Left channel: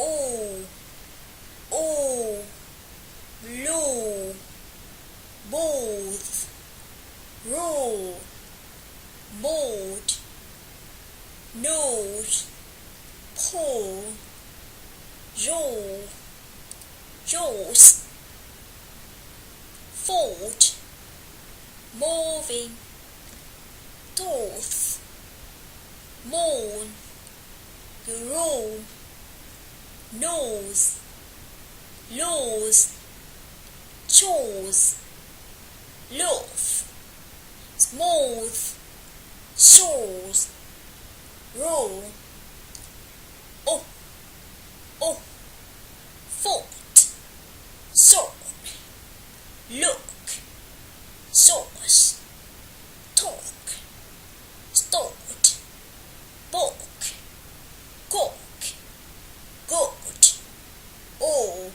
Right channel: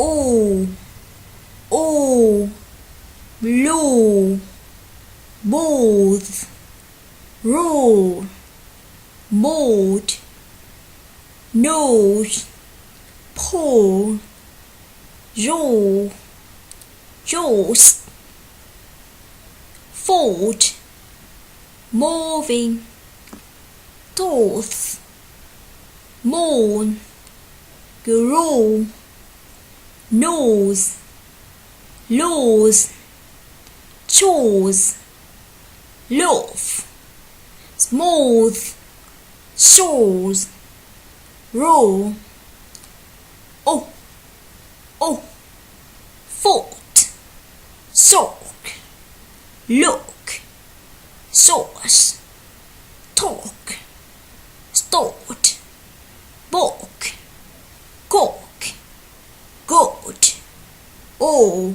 O, O, blue, both, roll, boat, nose, pole, roll, jaws, fold, moving, toth, moan, grow, nose, lose, chose, loaf, smooth, shows, roll, oh, oh, foot, sock, look, sauce, talk, start, balk, cock, goat, all.